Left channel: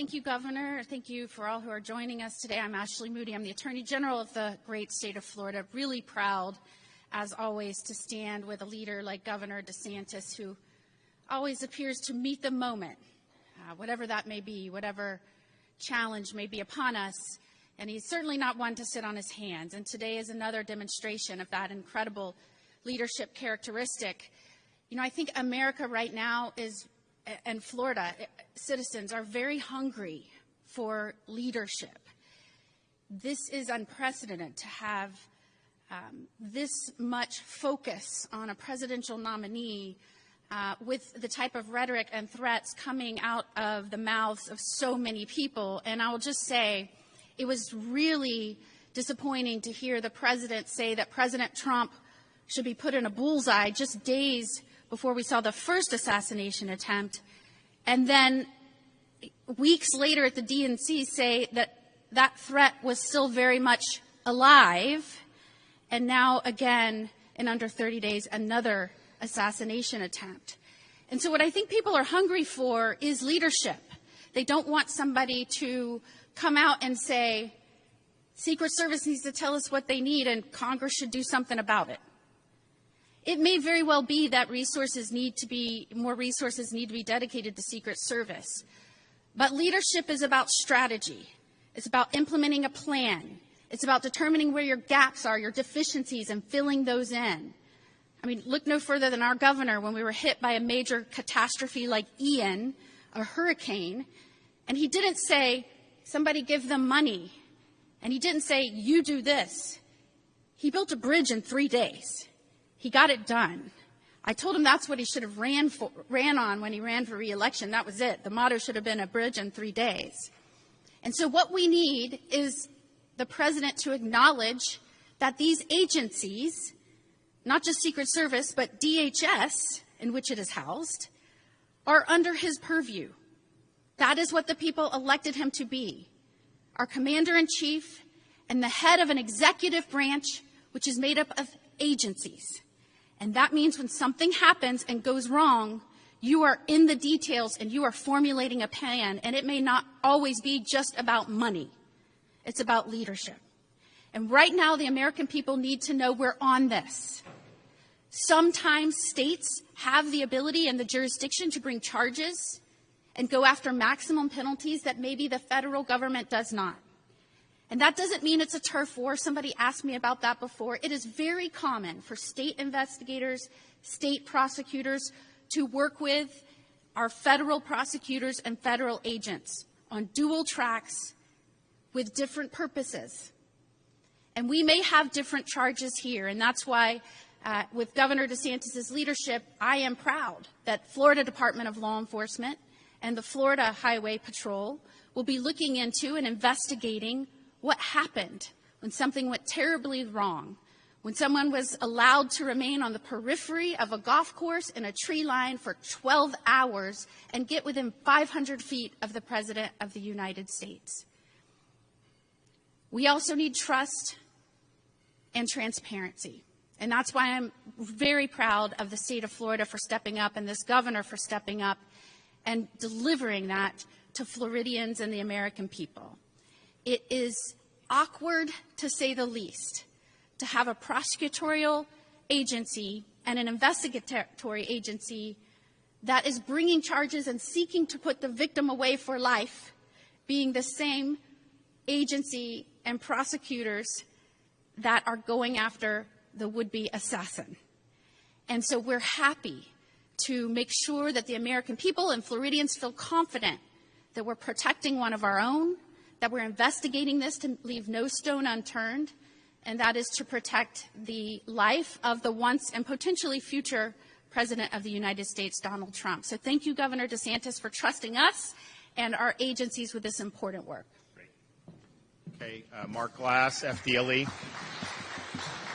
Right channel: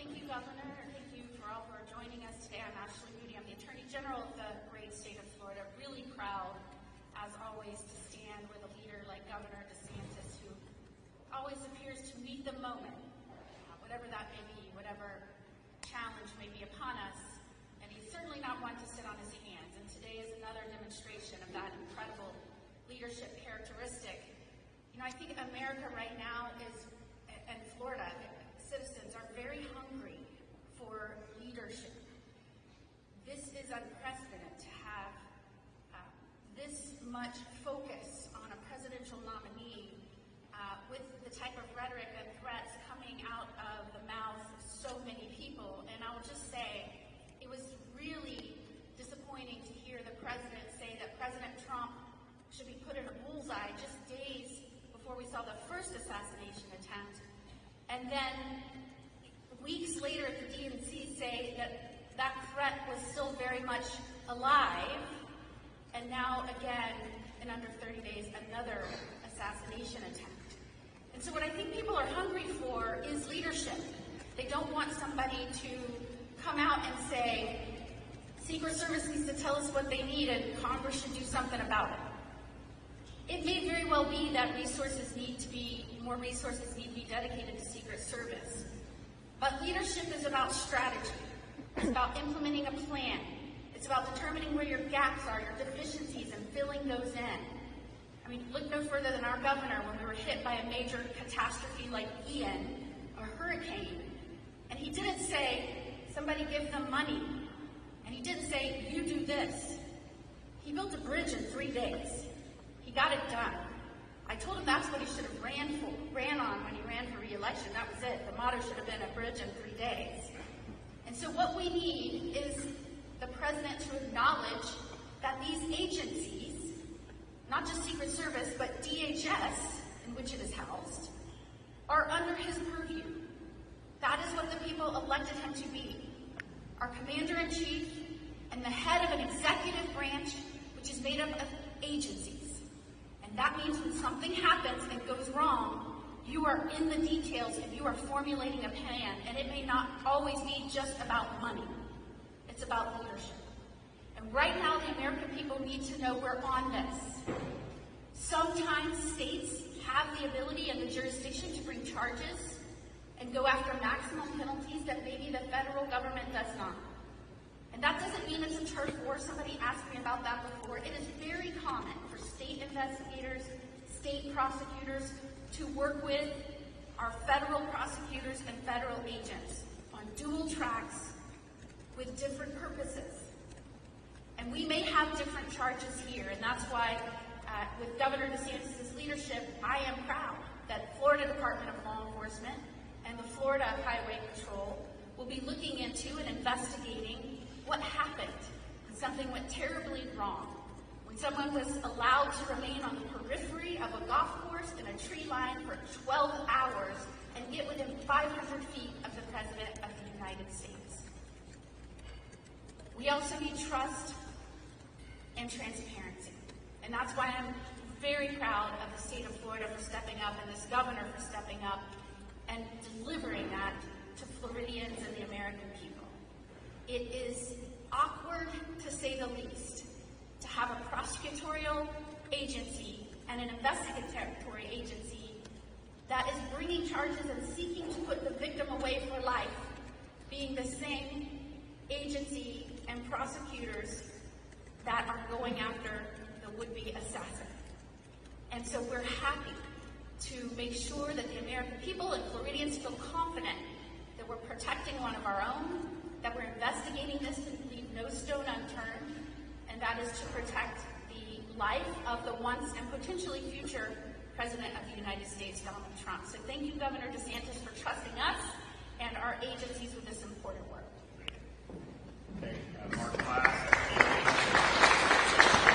Thank you, Governor. Thank you for all who are joining us today. I'm Ashley Moody. I'm the Attorney General of the great state of Florida. Really proud, as always, to stand with a leader like Governor DeSantis, who always appears to meet the moment, whatever that may be, whatever challenge may be upon us. And he's certainly not one to sit on his hands. And today is another demonstration of that incredible leadership characteristic. You know, I think America right now is, and Florida citizens are very hungry for leadership. This is unprecedented to have this much focus on a presidential nominee with the type of rhetoric and threats coming out of the mouths of so many people. And I will just say, it was really disappointing to hear the president say that President Trump should be put in a bullseye just days before we saw the first assassination attempt, and then weeks later at the DNC say that that threat was still very much alive, and now again, in under 30 days, another assassination attempt. And so what I think people are hungry for is leadership. They don't want somebody to come out and say, Secret Service needs to tell us what they need and Congress should do something about it. It may very well be that more resources need to be dedicated to Secret Service. But leadership is about strategy. It's about implementing a plan. It's about determining where your gaps are, your deficiencies, and filling those in. I mean, look no further than our governor when we were hit by a major catastrophe like Ian, a hurricane, and he didn't say, somebody give them money. And he didn't say, you do this. He built a bridge in 3 days. He got it done. I told him that's what he should have ran on when he ran for re-election. That was it. The motto should have been a bridge in 3 days. And so what we need is the president to acknowledge that these agencies, not just Secret Service, but DHS, in which it is housed, are under his purview. That is what the people elected him to be, our commander-in-chief and the head of an executive branch which is made up of agencies. And that means when something happens and goes wrong, you are in the details and you are formulating a plan, and it may not always be just about money. It's about leadership. And right now, the American people need to know we're on this. Sometimes states have the ability and the jurisdiction to bring charges and go after maximum penalties that maybe the federal government does not. And that doesn't mean it's a turf war. Somebody asked me about that before. It is very common for state investigators, state prosecutors to work with our federal prosecutors and federal agents on dual tracks with different purposes. And we may have different charges here, and that's why with Governor DeSantis' leadership, I am proud that Florida Department of Law Enforcement and the Florida Highway Patrol will be looking into and investigating what happened when something went terribly wrong, when someone was allowed to remain on the periphery of a golf course in a tree line for 12 hours and get within 500 feet of the President of the United States. We also need trust and transparency. And that's why I'm very proud of the state of Florida for stepping up and this governor for stepping up and delivering that to Floridians and the American people. It is awkward, to say the least, to have a prosecutorial agency and an investigatory agency that is bringing charges and seeking to put the victim away for life, being the same agency and prosecutors that are going after the would-be assassin. And so we're happy to make sure that the American people and Floridians feel confident that we're protecting one of our own, that we're investigating this to leave no stone unturned, and that is to protect the life of the once and potentially future President of the United States, Donald Trump. So thank you, Governor DeSantis, for trusting us and our agencies with this important work. Okay, Mark Glass, FDLE.